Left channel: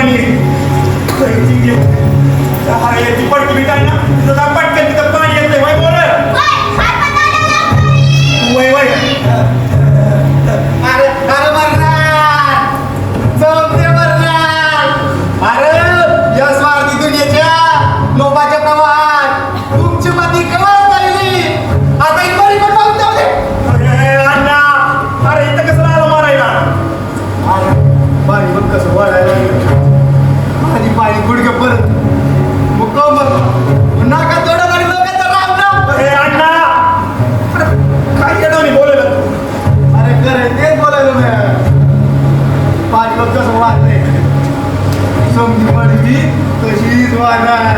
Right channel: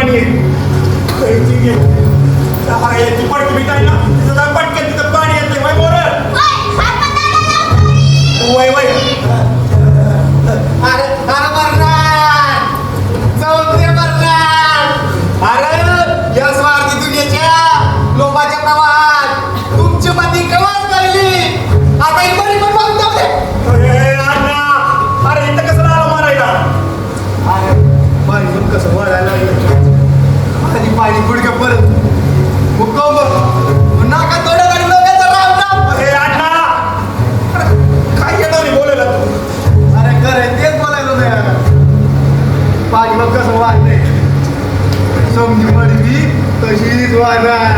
पाणी आहे. याची पटकी बी काय ना तिथं पटकन तिथं पाणी येत नाही. वय वय वय अरे अरे मरणार जमते मरणार. अरे या स्वार्थी दुनियेच्या लोकांचे प्रवास तुमची माती कळत पहिली आता इकडे पण बघून जाते. अण्णा अरे इथं कसं आलं मारायला. अरे पाणी बघ कसं वाढायला लागलं आणि पाणी गुडघे परत मुक्काम बघ नाका तोडत आणि लोकांचं राम राम. हे अण्णा अरे काय येडवणी बोलला तू. अरे खरं तेच बोलायलो मी. पाणी बघ कसं वाढलंय समजी पडली तशीच वाढणार.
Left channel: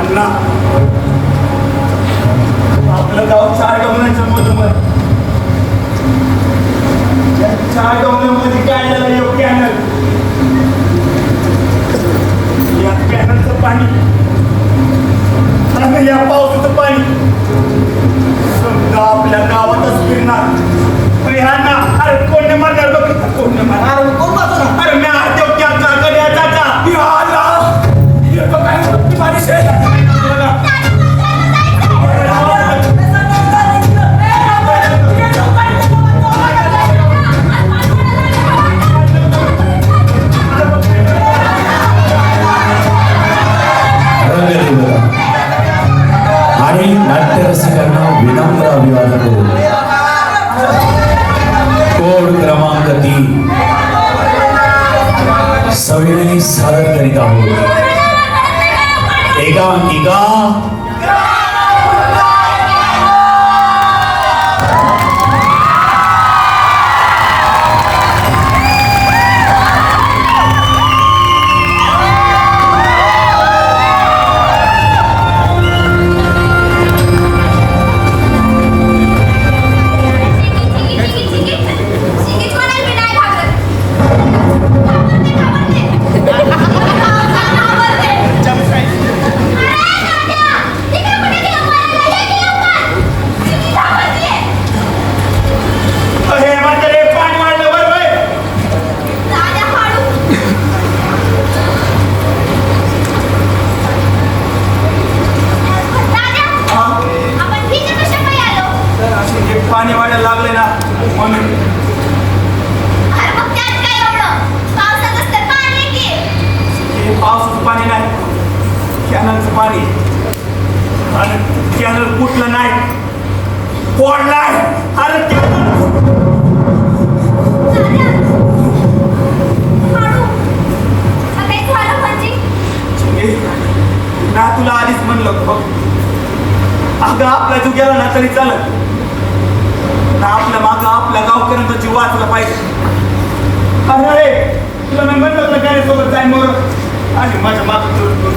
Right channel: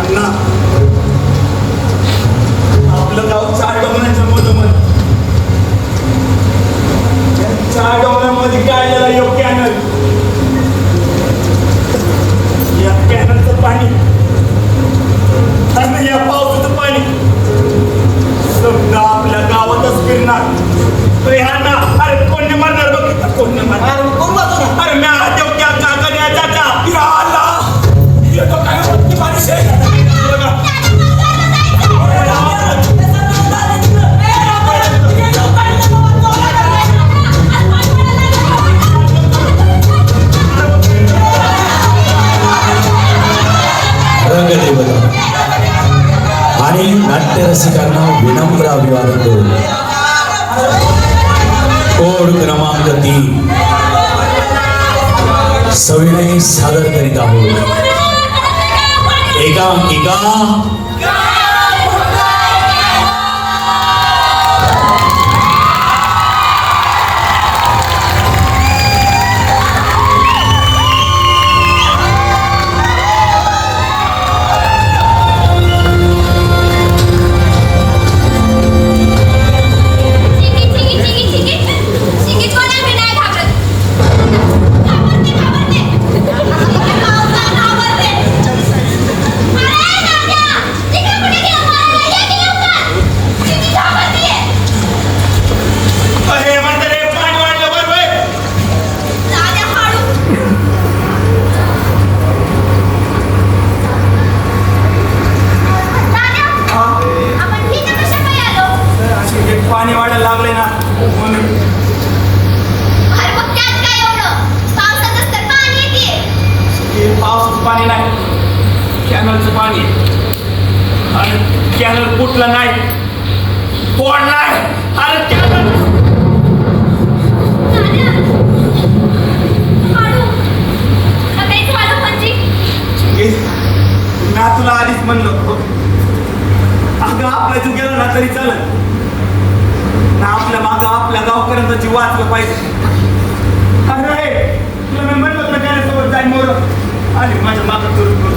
अण्णा आपलं गाव 4 डोंगरांच्या मधोमध. या 4 डोंगरांमध्ये काय झालं यो कॅनल. या कॅनलचं पाणी आणि या पावसाचं पाणी समजा आपल्या गावातच फिरणार. अरे हा ना अरे कोण म्हणणार बघ कोण म्हणणार. अरे मी देव क्या काका चाचा या अल्लाह ये तो काय मोठी बारिश आहे. बघा आणि नाट्यरसिकांना विनम्र अभिवादन करून कोड क्रमांक 3 सविनय सादर करीत आहोत. एकांकिका पाणी वाढायला लागले ना म्हणून. हे पावसाचं पाणी नाही कॅनलचं पाणी. आणि कॅनल कुठलं नाही तोडलाय. अरे कॅनल ना तुला आधीच म्हणलं अगं आपला जीव गेला ना तरी चालत ना. आपल्या मागं आपल्या गावकऱ्यांचा जीव वाचला पाहिजे. अरे तुला मी म्हणलं होतं त्याच्यासोबत जाईन मोर आणि माझ्या मागं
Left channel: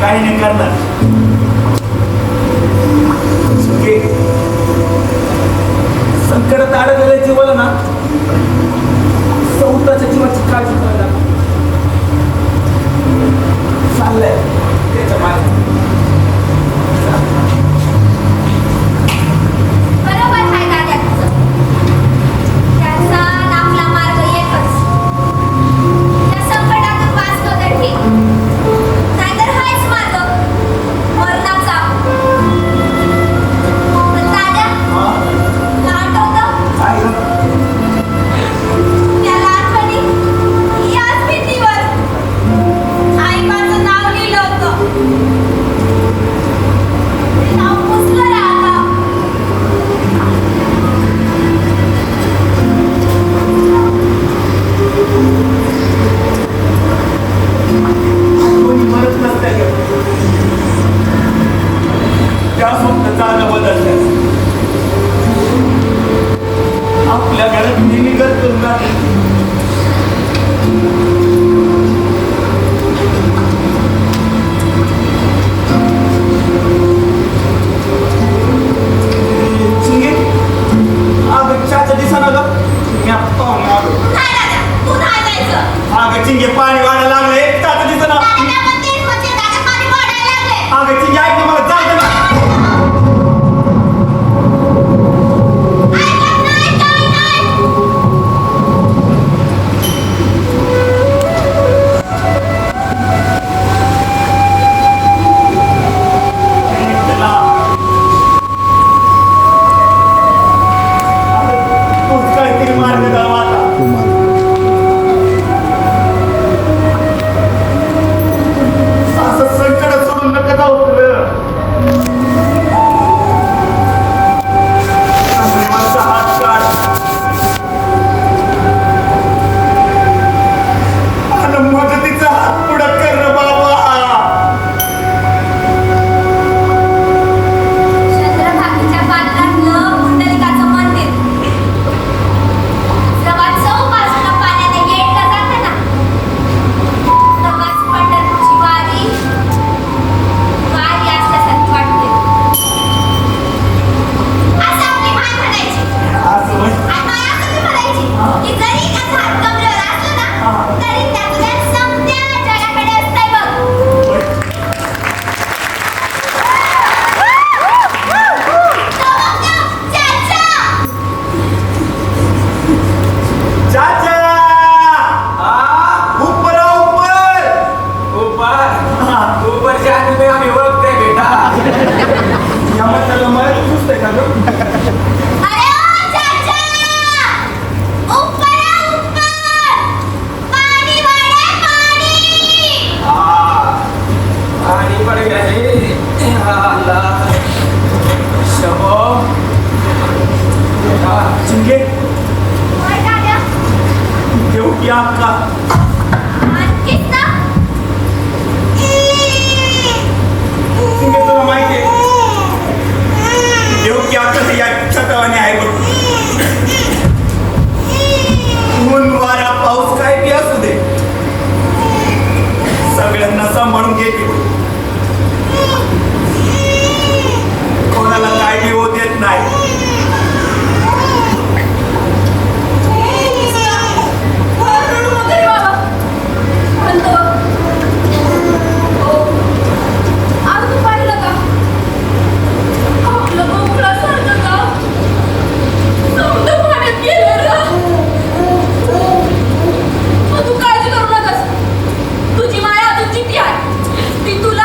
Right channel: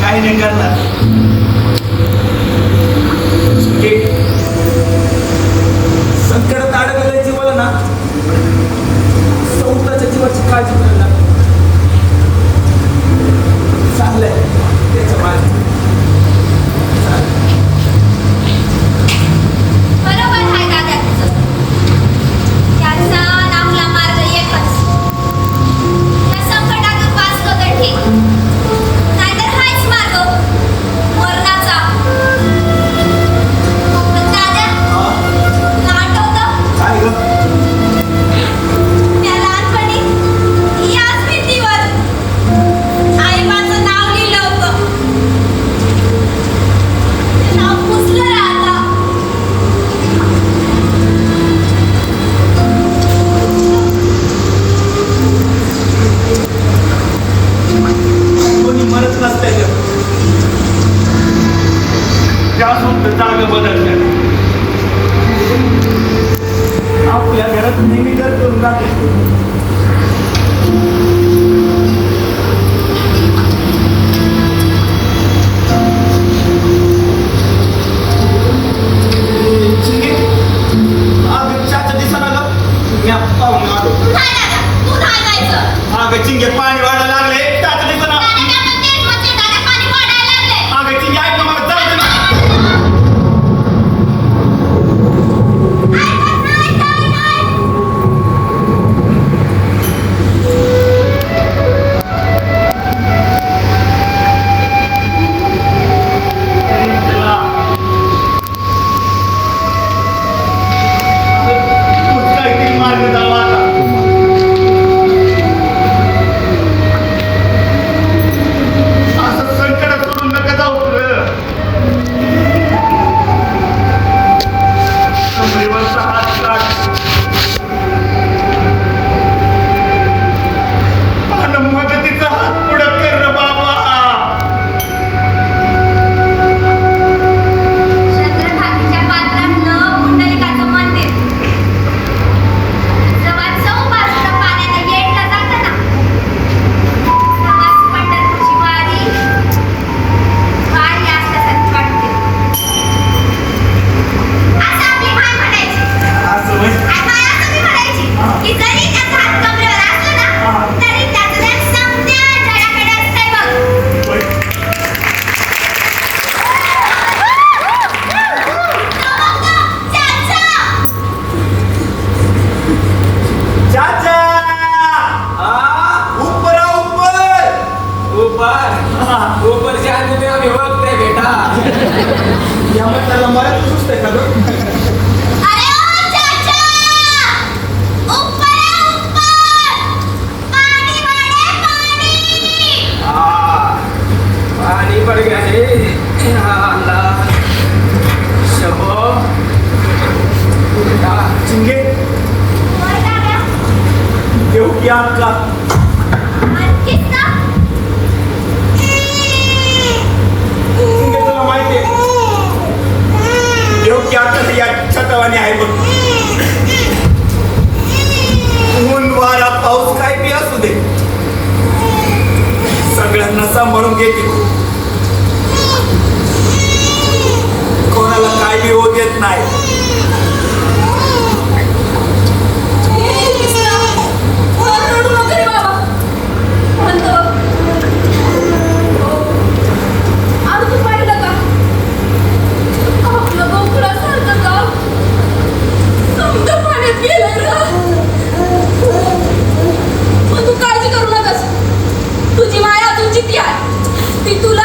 काही नाही करणार. संकटात अडकलेल्या जीवाला ना स्वतःच्या जीवाची काळजी करायला चाललंय त्याच्या मागे. चिंगे पाणी वाढायला लागले तात्या दिसतो ना अगं चिंगे ऐक ना मला जाऊ दे ना चला. आता तूच काहीतरी मार्ग दावा आता. असं संकट सोडून नका जाऊ पुढं. कमरेवरचा हात काढ. आणि मदतीचा हात पुढं कर रे बाबा. चंद्रभागेच्या पात्रातलं पुंडलिकाचं मंदिर जवळ चौपासनं पाण्याने गेटला जातं ना तेव्हाच पंढरपूरची वारी असल्यासारखी वाटते असं आपली माय म्हणायची असं म्हणजे आणि माय असं बी म्हणायची की जरी त्याचा हात कमरेवर असला ना तरी त्यातल्या समत्या जडाकडे असतंय बघ होय. चाचा ऊपर आ, ऊपर ऊपरच्या आधी आम्ही ओळखते बेटा या म्हाताऱ्याला मला तू सुचतंय का गं? अरे ओ चाचा ऊपर आ, ऊपर पाणी वाढे पाणी आणि कडे घ्यायचे शबो बेटा चिंगे होय दादा देऊ की आपला आणखीच ना चिंगे तुला माहिती आहे देऊ की आपल्याला या छतावाने आहे बघ ऊन वारा पाऊस काय बी असू दे सगळ्यांना सांभाळून घेते कोणाला काय बी होऊ देत नाही तुझी माया तुझी ती आहे ती तुला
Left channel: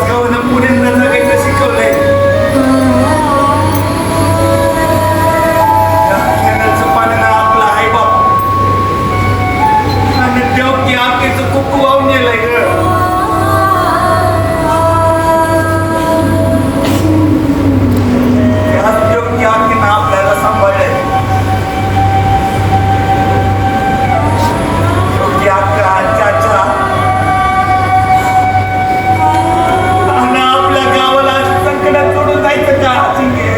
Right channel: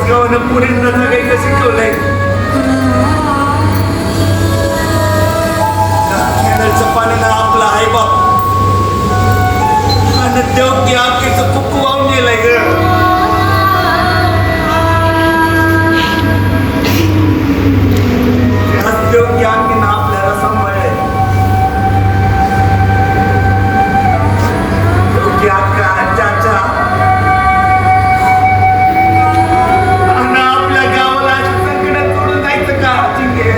याच गावानं पुण्याला जगायचं शिकवलंय. कॅनलचं पाण्यानं आपला आई बाप आणि देव की आखीचं कुकू वाहून गेलंय ग. याच देव की आखीनं आपल्याला सांभाळलंय. योग्य अक्का चाचा आणि आपल्या गावाला अशी संकटात सोडून जायचं का चिंगे?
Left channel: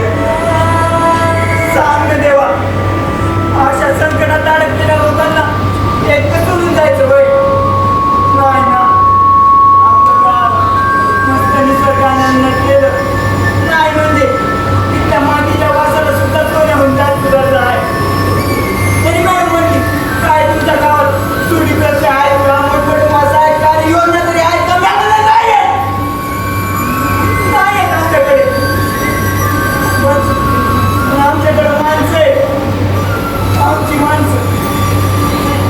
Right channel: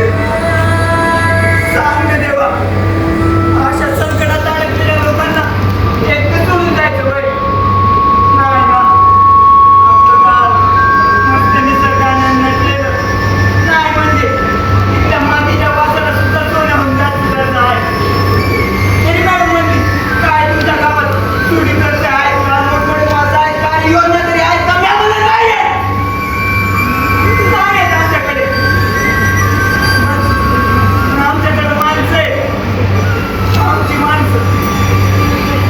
सांग ना देवा, अशा संकटात अडकलेल्या लोकांना एकटं सोडून जायचं वय नाही ना. आपलं गाव मस्त निसर्गानं नटलेलं नाही म्हणजे तिथल्या मातीच्या वासाला सुद्धा सोन्याहून जास्त गरज आहे. तरी मॅडम म्हणली काय तुमच्या गावात चुडी करते आहेत का, मोठमोठे मासा आहेत का, आणि योजना तरी आहेत का? मी म्हणलं नाही आहे, नाही आहेत आमच्याकडे. पण आमच्याकडे माणसं आहे, आमची माणसं.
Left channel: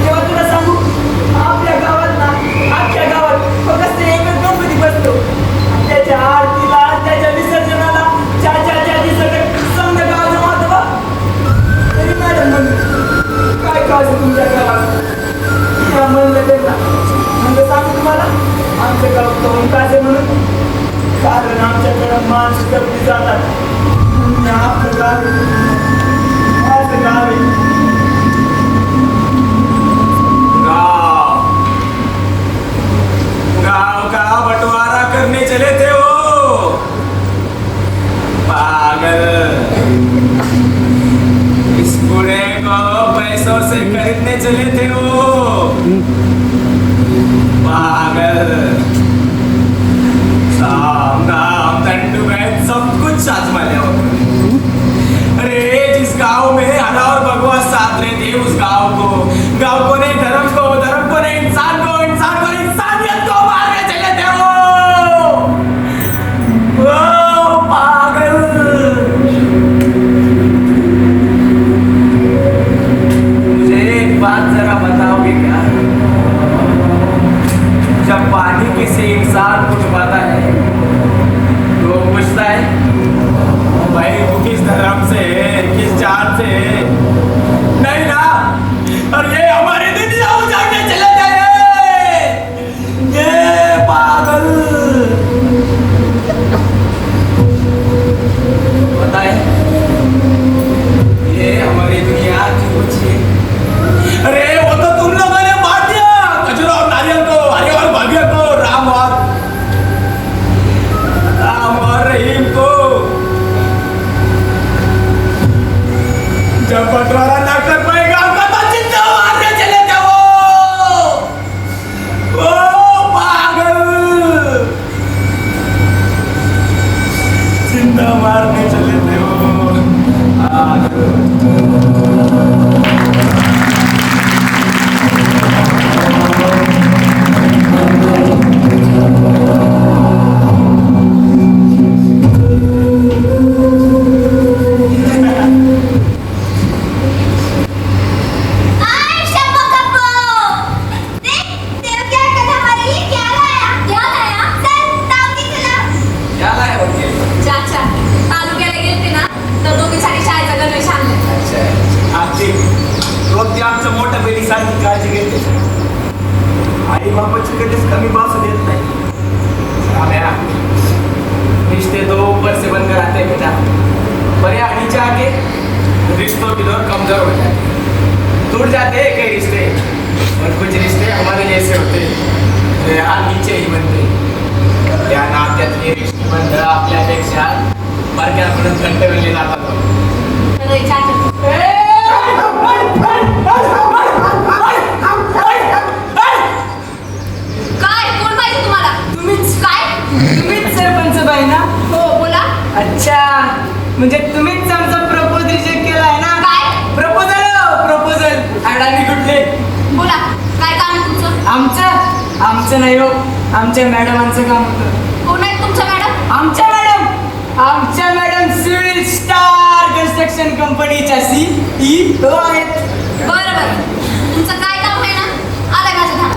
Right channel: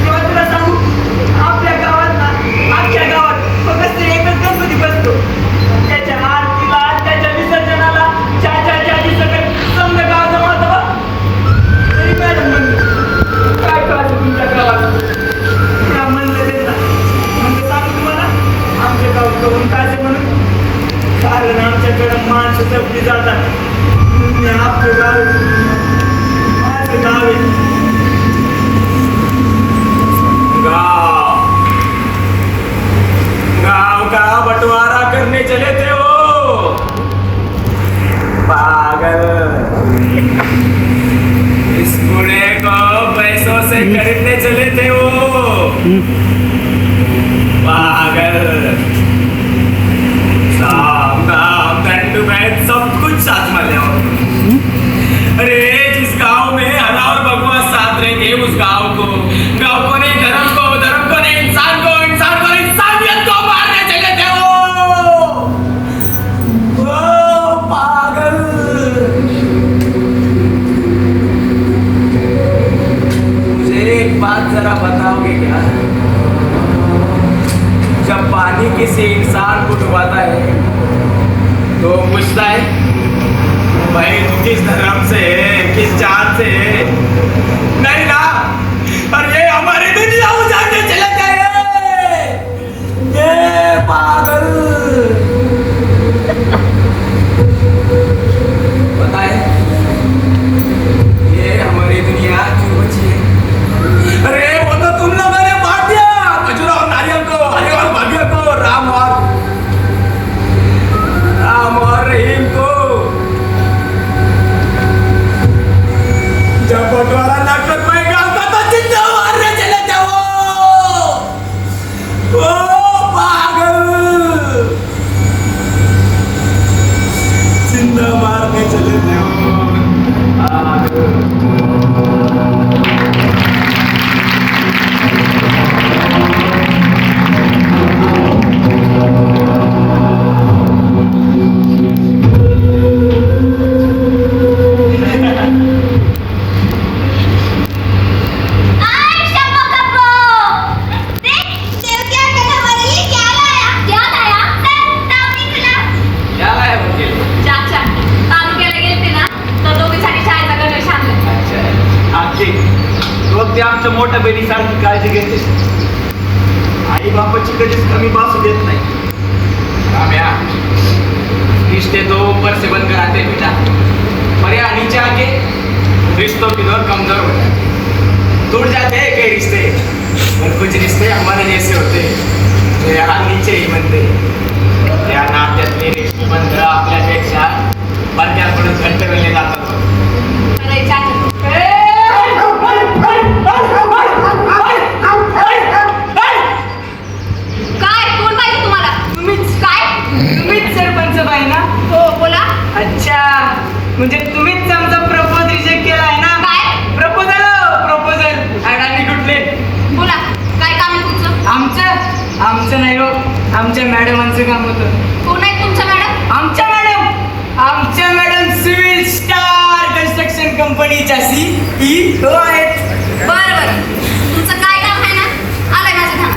तेव्हा तुला सांगू, आपल्या गावात ना, आमच्या गावात फक्त एकच गणपती बसतो. त्याच्या आरतीला, त्याच्या विसर्जनाला ज्या दिवसाकडे समजा गाव जमावतं बा. तरी मॅडम म्हणली काय का असं तुमच्या गावात? त्या म्हणलं त्यांना म्हणजे सांगू तुम्हाला आमच्या गावात करून कासे म्हणून, कारण आमच्याकडं माणसं जपली जातात. म्हणून हे आपलं गाव माझं गाव आहे. गाव गाव का बंटवारा करने चले थे वो पागल. इस बूढ़े को पैसों से खरीदने चले थे वो पागल. साम दाम दंड भेद सब कुछ आजमा लिया वो. अरे जिस गांव में हरा और बकवास साथ रहेंगे उस गांव को नहीं धर्म को नहीं इंसान को नहीं इंसानियत को मारने चले थे वो पागल. मुझे एक बात जरा बताओगे क्या? जब पानी किसी इंसान को डुबाता है तो पूछता है भाई तू किस धर्म से है, किस जात से है? नहीं ना. और ये हमारी दुनिया उजाड़ने चले गए ये पागल. पता है ये हमारी दुनिया क्यों बची है? अरे वो तो तुम लोगों ने बांट दिया खजूर और नारियल को, हरे और भव्य को, राम और रहीम को. जब बंटवारा ना कर पाएगा उनका तो जिंदा मारने चले थे वो पागल. जिंदा मारने चले थे वो आय शंभो कप्पो, देख देव क्या करने हमारे लिए क्या लाया? चल दावणी तुला. क्या लाया वकील? चाचा तालुक्याला गेलते ना तर दोघे छानी शाळेचा गणवेश आणला. अच्छा आजी तू अगदी आमच्या मोठ्या बहिणीसारखी काळजी घेते. आई बापाची कधीच कमी भासू देत नाही. आम्या रिश्ते तो ऊपर से बनकर आते हैं बेटा, पर यहाँ नीचे आके रिश्तों की दौर कमजोर होता है. टूट जाते हैं कई रिश्ते, पर कुछ रिश्ते हमारे जैसे होते हैं जो यहाँ नीचे ही बनते. त्या नात्यातले रिश्तेबंध आपल्यापेक्षा बारक्याकडून घट्ट मिळले जातात. अरे चाचा काय कोण पाहिजे तुम्हाला? तुम्हीच काय? तुम्हीच सरपंच बाई ना? हो बोला. अच्छा म्हणजे तुम्हीच आमचा प्रपोज रिजेक्ट केलाय ना? काय? प्रपोजल अडाणी कुठले? बोला काय काम आहे तुमचं? आमचं नाही हो, आमच्या मॅडमांचं काम होतं. कोण आहे तुमच्या मॅडम? आमच्या मॅडम सिव्हिल स्टार कन्स्ट्रक्शन कंपनीच्या CEO आहेत. बरं बरं तुमचं काय काम आहे ना आलं माझं ध्यान.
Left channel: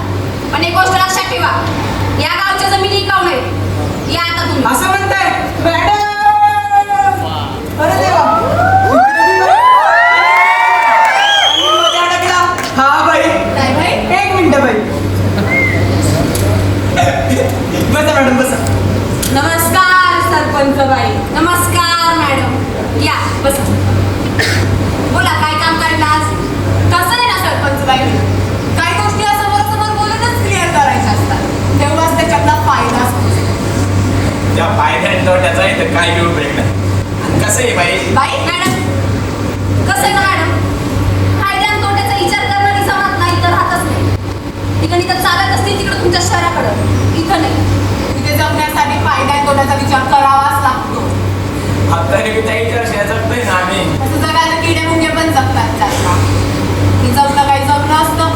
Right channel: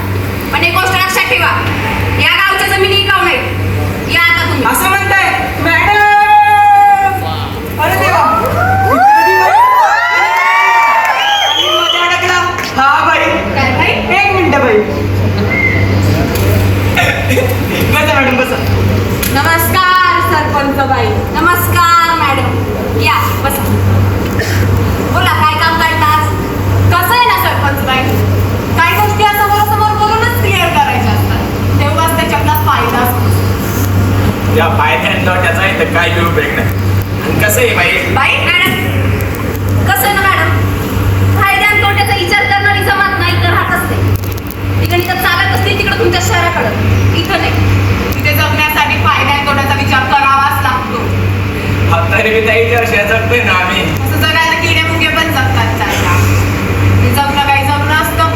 पण एक गोष्ट लक्षात ठेवा, या गावच्या जमिनी इकाऊ नाही. या त्या फायद्यात तोट्याचा आहे तर काय घेऊन उपयोग नाही. आणि कसं आहे बाई, बाई मॅडम, कसं आहे ना मॅडम, फायद्या आणि तोट्याचा विचार करणारी जमात नाही तर राहतच नाही. ठिकाणी तर चालत असते तिकडे तुमच्या शहराकडं, इथं नाही. तिथे जगण्यासाठी फायद्या आणि तोट्याचा विचार करावाच लागतो. हा तरी मी त्या विचार जगतोय ना आम्ही. असं जगायला किडे मुंगे पण जगतात चालला. हे जगणं काही जगणं असतं.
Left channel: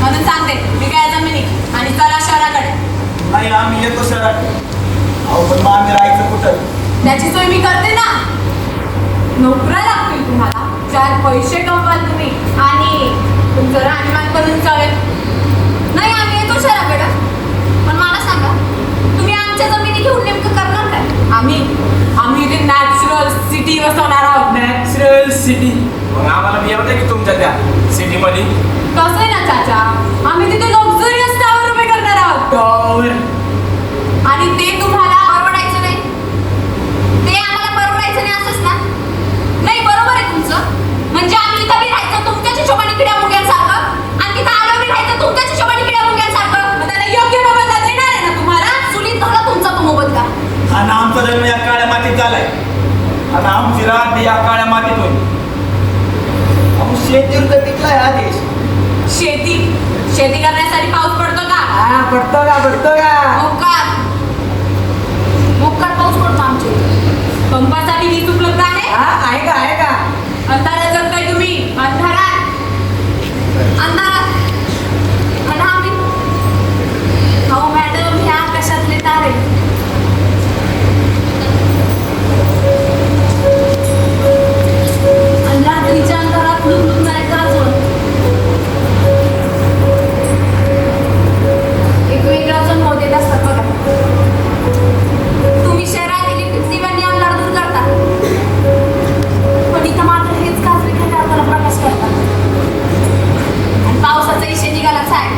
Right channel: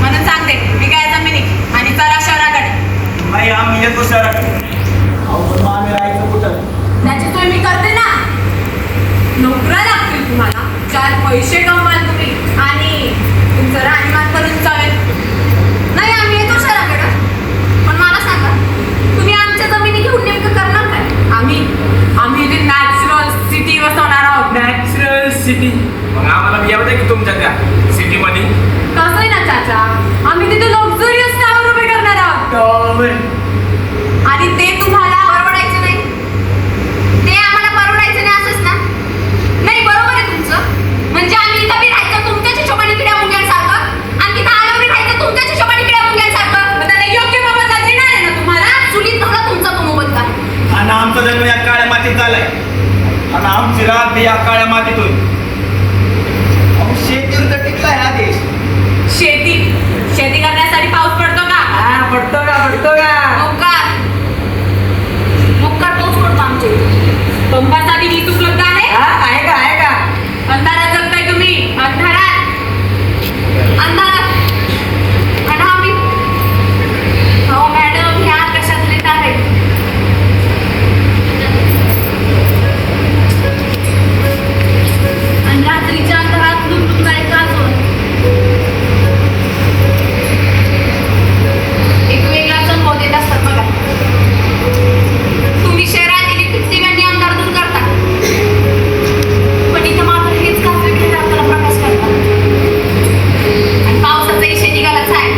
म्हणून सांगते मी काय जमिनी आणि चला शहराकडे. बाई आम्ही येतो शहराकडे. अहो पण मग आम्ही राहायचं कुठं? त्याची सोय मी करते ना. नोकऱ्या लागतील तुम्हाला, 4 पैसे कमवाल तुम्ही आणि तुमचं राहणीमान करून चालेल. नाही आम्ही येतो शहराकडं. पण मला सांगा, तुम्ही आमच्या जमिनी घेऊन नेमकं करणार काय? आम्ही इथे नॅचरल सिटी बसवणार आहोत. Natural city. मग आम्हाला मी एवढं की तुमच्या त्या सिटीमध्ये. कसं आहे ना चाचा, आम्ही तिथे लक्झरियस टावर उभे करणार आहोत. आणि ते तुम्हाला परवडायचं नाही. ते आम्हाला परवडायचं नाही असंच ना? नाही बरोबर आहे तुमचं. म्हणजे आम्ही इथं बी राहायचं तुमच्याच हिशोबाने पिढ्या मुंग्यांसारखं आणि तिथं आल्यावर बी राहायचं तुमच्याच हिशोबाने पिढ्या मुंग्यांसारखं. मग त्याला योग्य मोबदला देणार आहे ना तुम्हाला? चुलीत धरला तुमचा तो मोबदला. आणि आमचा जन्म या काळ्या मातीत झालाय आणि आमची रात बी या काळ्या मातीत होईल. अहो शेतीवर तर टिकलाय हा देश. शेती करण्यासाठी पाऊस पडतो का? पडतो का? मुक्कार पाऊस पडतो आमच्या इथे. पंपासाठी वीज उपलब्ध आहे. आहे का? अंधारात जगताय तुम्ही. अंधारात आणि आम्ही अहो मॅडम ह्या कशातले तारे. आणि रात्रीच्या अंधारात लुटून जायचं असं एक वेगळा संभव देत असतात बघा. तुम्ही शहरात इलेक्ट्रिसिटी व नियम दूर करता, पण इथं मात्र हेच काजवे घेत आपल्याला प्रवेश करतात. आणि पावसाचा इशे निघालाच आहे.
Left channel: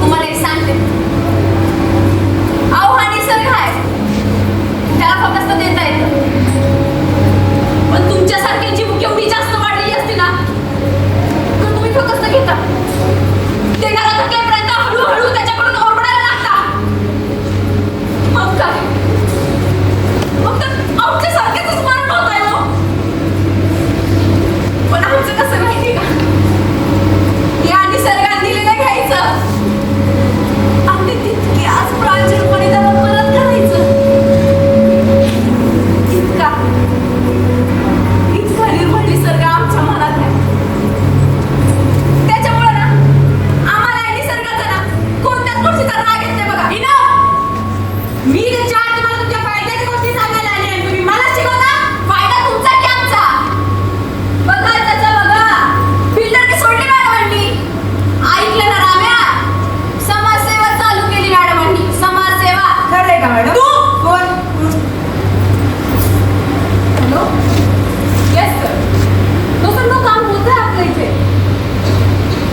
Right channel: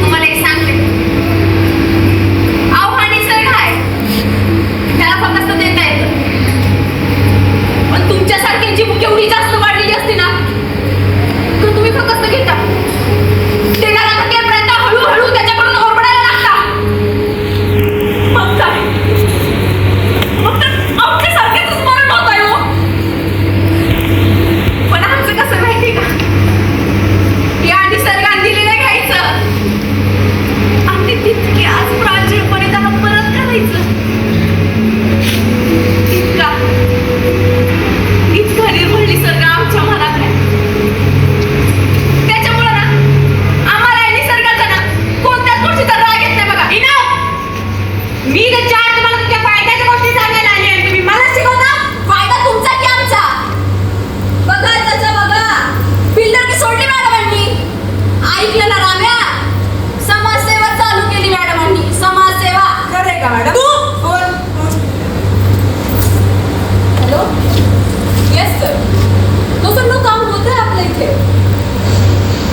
तुम्हाला एक सांगते, अहो हा निसर्ग आहे, त्याला फक्त देता येतं. पण तुमच्यासारखी जीव केवढी जास्त वाढलेली असते ना, तर तुम्ही फक्त घेता. देणारा थकेपर्यंत हळूहळू त्याच्याकडून ओरबडायला लागता. मग काय? मग तर आपल्यासारखेच मरण होत आहे हो. पण आमचं कसं माहिती का, या निसर्गाने दिलेलं घ्यायचं आणि तितके आज प्रांजळपणे त्याला परत करायचं. इतका निर्भळ निसर्ग आमच्या मनात आहे. त्याच्यामुळे ना आम्हाला या निसर्गाचा ना कोणत्याच गोष्टीचा राग येत नाही बघा. मी जे 4 तुम्हाला तुमच्या फायद्याच्या गोष्टी सांगायला आली आणि तुम्ही मला शिकवता फायदा तुमचा की आमचा? बघा त्याचा बघा. बिल्डर की सोडली मॅडमांनी. ऐकलं ना राम्या? समाजसेवा चालू केली मॅडमांनी. समाजसेवा. खरंय का मॅडम? तू कोण? हॅलो. Yes sir. तो सगळं काम होतं आपल्या इथे.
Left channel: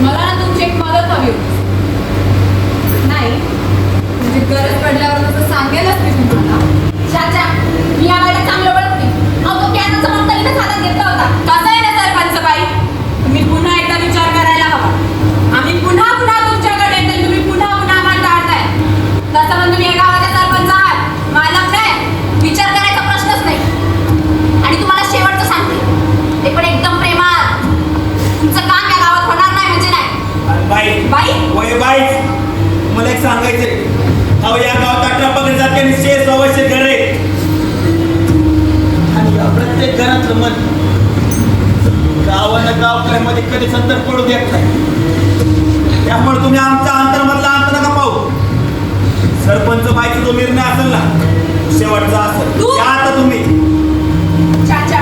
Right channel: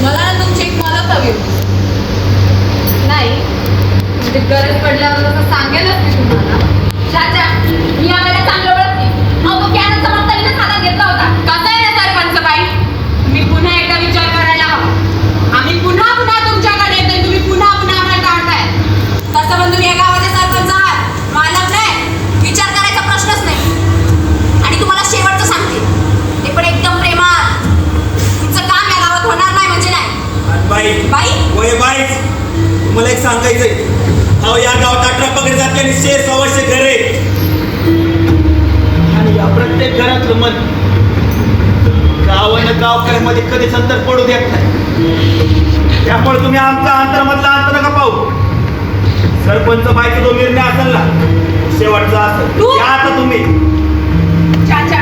मला ना तुमची एक मदत हवी होती. नाही म्हणजे गरज पडल्यावर तसं सांगेलच मी तुम्हाला. चाचा मी यावेळेला चांगलं ओळखते. अहो तो पियानोचा मग तरी हातात घेतला होता. कसं आहे ना सरपंच बाई, तुम्ही पुन्हा एकदा विचार करायला हवा. आम्ही पुन्हा तुमच्याकडे येते, तुम्ही पुन्हा आम्हाला टाळताय. तसं पण तुम्ही या गावाचे सरपंच आहात, मालक नाही. विचार करायचा प्रश्नच नाही. आणि तुम्हाला शेवटचं सांगते, ते पण एकदम प्रेमात. तुमचं काम या गावात होणार नाही म्हणजे नाही. आणि बाई होय बाई, तुम्हाला एक सांगायचंय. अहो या गावात 18 पगडी जाते आणि 600 घर आहे. आणि या प्रत्येक घरातलं मन गावानं गावकऱ्यामध्ये कधीच अंतर पडू देत नाही. त्यामुळे तुम्ही आमचा अंतरामधला अंतर नका पाहू. सरपंच बाईचा जो निर्णय असेल ना, शेवटचा असेल त्या आता तुम्ही. चाचा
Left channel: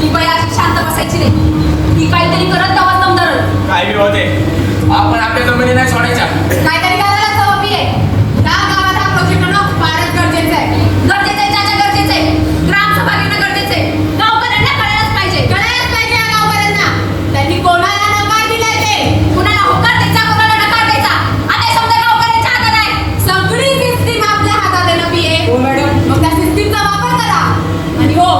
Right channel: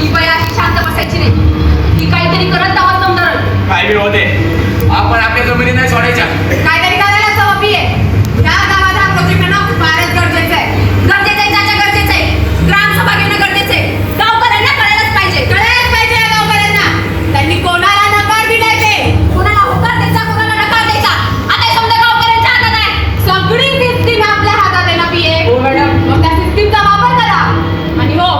ही बाई अशी शांत बसायची नाही. ही काहीतरी करत दावा तोंडावर. काय होते, आपण आपल्या जमिनी नाही सोडायच्या. काहीतरी करायला हवी आहे. या गावात हा प्रोजेक्ट ना फारच गरजेचं आहे. गरजेचं आहे चाचा, गरजेचं आहे. ग्रामसभा घेणं गरजेचं आहे. गावकऱ्यांना कळायलाच पाहिजे या गावकऱ्यांना. त्यांनी कोणाला नकार दिलाय ते, कोणाला होकार द्यायचा, कोणाला नकार द्यायचा. आता हे समजा गावकऱ्यांच्या हातात आहे. सगळी सिस्टीम आपल्या हातात आहे ना पिये. हो मॅडम. मग त्या सिस्टीमचा वापर करा. आणि हो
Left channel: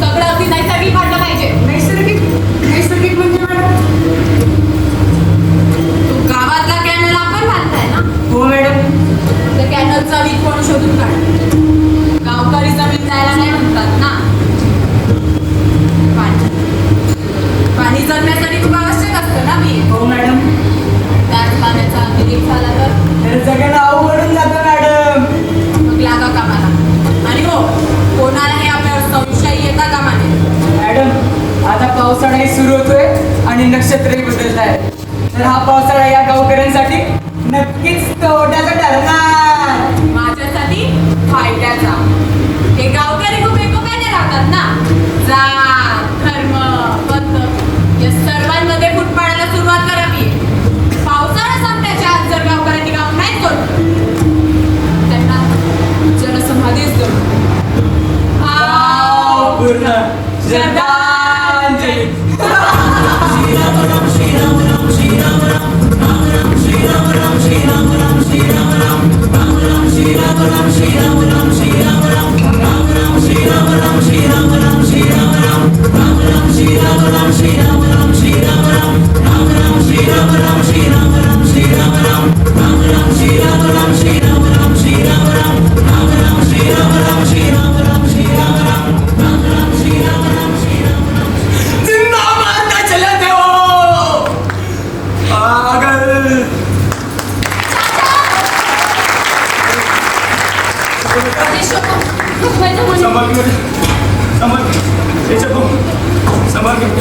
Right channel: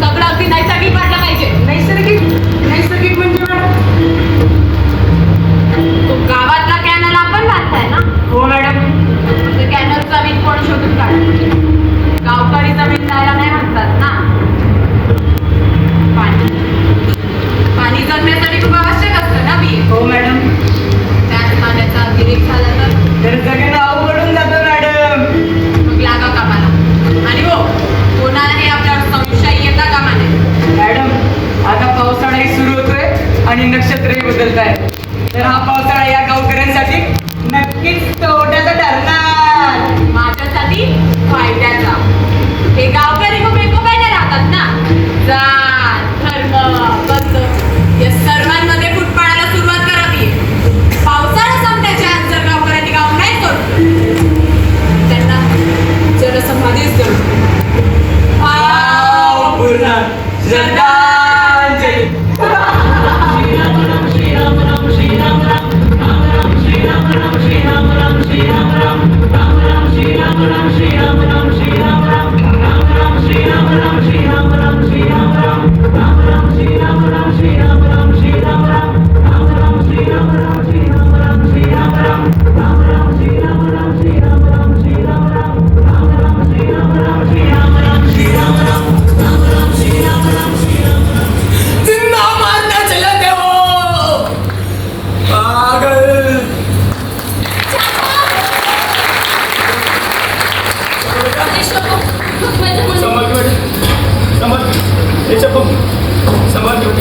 सगळं अगदी नैसर्गिक वाटलं पाहिजे. नैसर्गिक म्हणजे मॅडम? गावातला कॅनल आपण पूर्ण श्रद्धांजली. जिंदा मारना चले थे वो पागल. समर्पित याच्या समर्पित